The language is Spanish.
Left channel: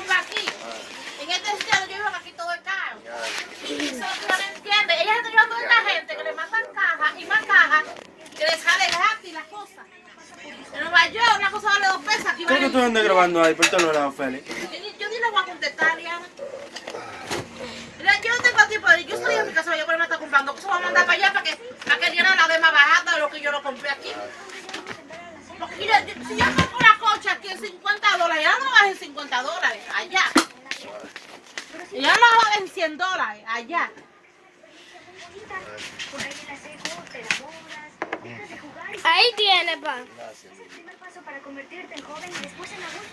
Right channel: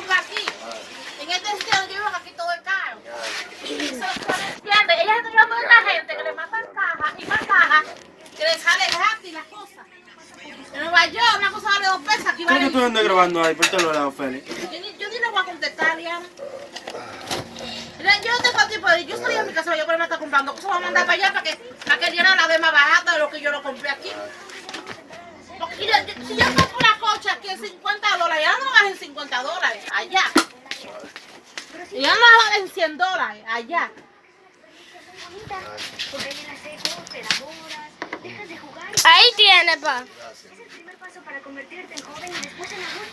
comprar aquí. En este sitio donde yo vivo, aquí todo es caro. Eso no lo entiende. Ella está tirando a esta gente que le mandan cajas y más cajas que le sale gratis las cosas. En Nueva York una cosa vale 2 pesos. Aquí ¿Qué es que vale... tú andas grabando ahí? Por este lado, Félix. Yo ni le voy a contestar, Liana. Mira, yo no tengo tiempo de... Yo estoy en mi casa, yo por ahí me está comprando cosas. Voy a mandar para allá para que Liana la dé más barata de lo que yo lo compré aquí. Porque mira, si yo compro una cocha aquí en $50, ya no lo baja en $50, allá. Ya no lo baja en $100, allá. Ahí tiene, pa.